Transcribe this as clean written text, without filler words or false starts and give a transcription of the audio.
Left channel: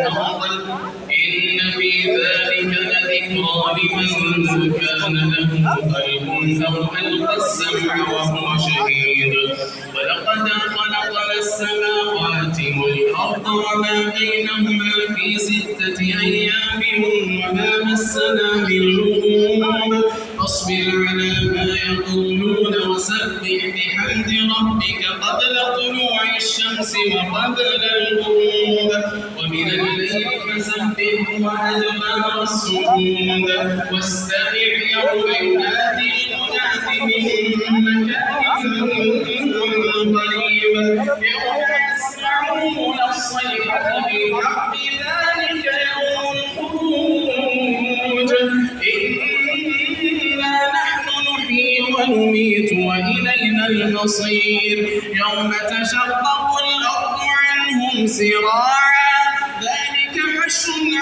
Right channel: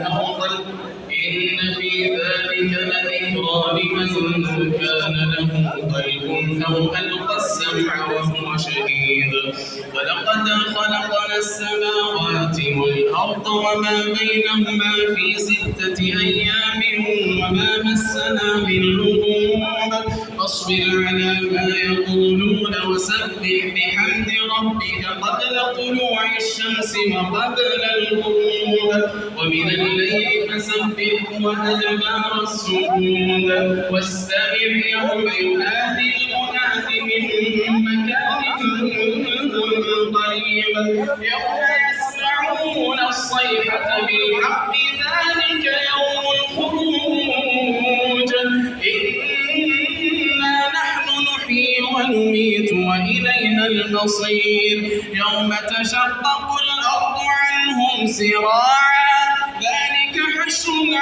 الأفضل إن في ذلك لذكرى لمن كان له قلب أو ألقى السمع وهو شهيد ولقد خلقنا السماوات والأرض وما بينهما في 6 أيام وما مسنا من لغوب فاصبر على ما يقولون وسبح بحمد ربك قبل طلوع الشمس وقبل الغروب ومن الليل فسبح وأدبار السجود واستمع يوم ينادي المناد من مكان قريب يوم يسمعون الصيحة بالحق ذلك يوم الخروج إنا نحن نحيي ونميت وإلينا المصير يوم تشقق الأرض عنهم سراعا ذلك حشر